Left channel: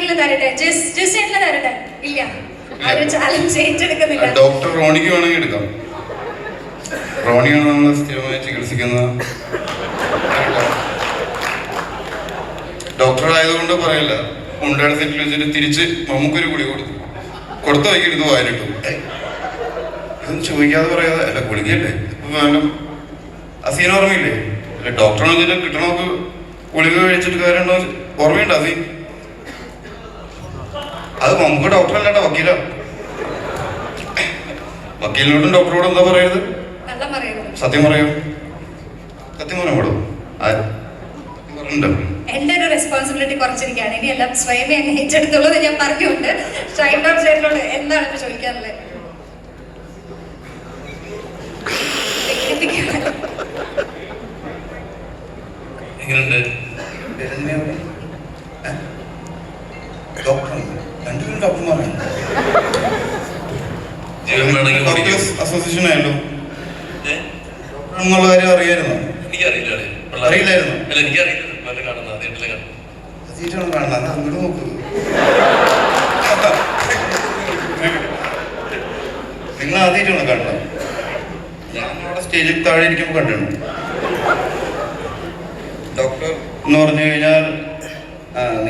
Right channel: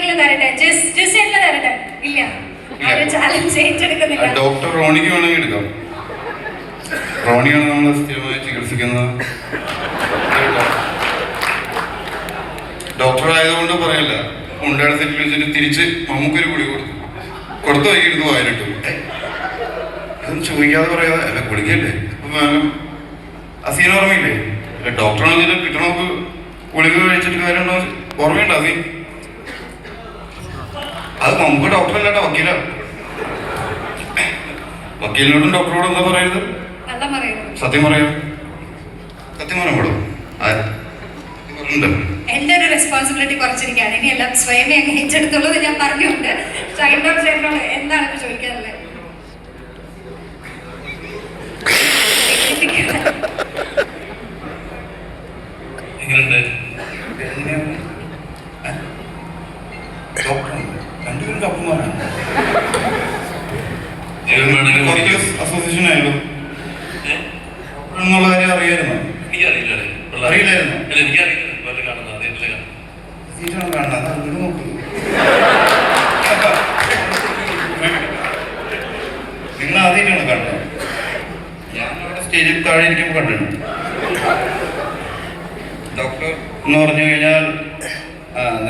ആർക്കെങ്കിലും തരട്ടെ? ജസ്റ്റ് തരട്ടെ? ഇല്ല, ചാലഞ്ച് ഏറ്റെടുക്കുന്നില്ല. ഡോക്ടർ റോണിക്ക് വേണമെങ്കിൽ എടുക്കാം. റോണിയാണ് നമ്മൾ സ്ഥിരമായി ചികിത്സിക്കുന്ന ഡോക്ടർ ആയതുകൊണ്ട് പറയല്ല. മുണ്ടയുടെ സെറ്റിൽ വെച്ചിട്ട് തിരിച്ച് നമുക്കൊരു ഗുളി കൊടുത്തു വൈകിട്ട് വായിലിട്ടു. ഇതൊന്നും ചോദിക്കാതെ പറയാതെ അല്ല, ഗുളികയല്ലേ അസീന ഓർമ്മയില്ലേ? അല്ല, ഡോക്ടറാണെങ്കിലും കിട്ടണമൊക്കെ ഗുളിക കഴിച്ചിട്ട് കാര്യമുണ്ടോ? ഓർമ്മയുണ്ടോ അസീൻ? അത് നമുക്ക് ഡോക്ടറല്ലാട്ടോ, വക്കീല. വക്കീലിനോടും ഡോക്ടറോടും എന്താ പറയരുത്? സത്യം പറയാം. സത്യം പറയാൻ പാടും. എന്റെ ഒരു റെസ്പോൺസിബിലിറ്റി കുറച്ചിരിക്കുകയാണ്. ഇനി എല്ലാം സ്വയമേ അങ്ങ് ഏറ്റെടുത്തുള്ളത് ഞാൻ പറഞ്ഞുകൊണ്ട് ഷൈനോട് എന്താണ് ഇപ്പൊ ചോദിക്കാറുള്ളത്? ഡോക്ടർമാരാണ് അസോസിയേഷൻ ആയാലും എന്നുള്ള കാര്യം അറിയായിരുന്നോ? അറിയില്ലായിരുന്നു. കാണുന്നത് അങ്ങോട്ട് നോക്കൂ. നിങ്ങൾ ആദ്യമായിട്ടാണ് കണ്ടത്? ഞാൻ അവിടെ സ്റ്റേജിൽ താഴെ ഇരിക്കുമ്പോൾ കണ്ടിട്ടുണ്ട്. ഡോക്ടർ എന്ന് പറഞ്ഞു കഴിഞ്ഞാൽ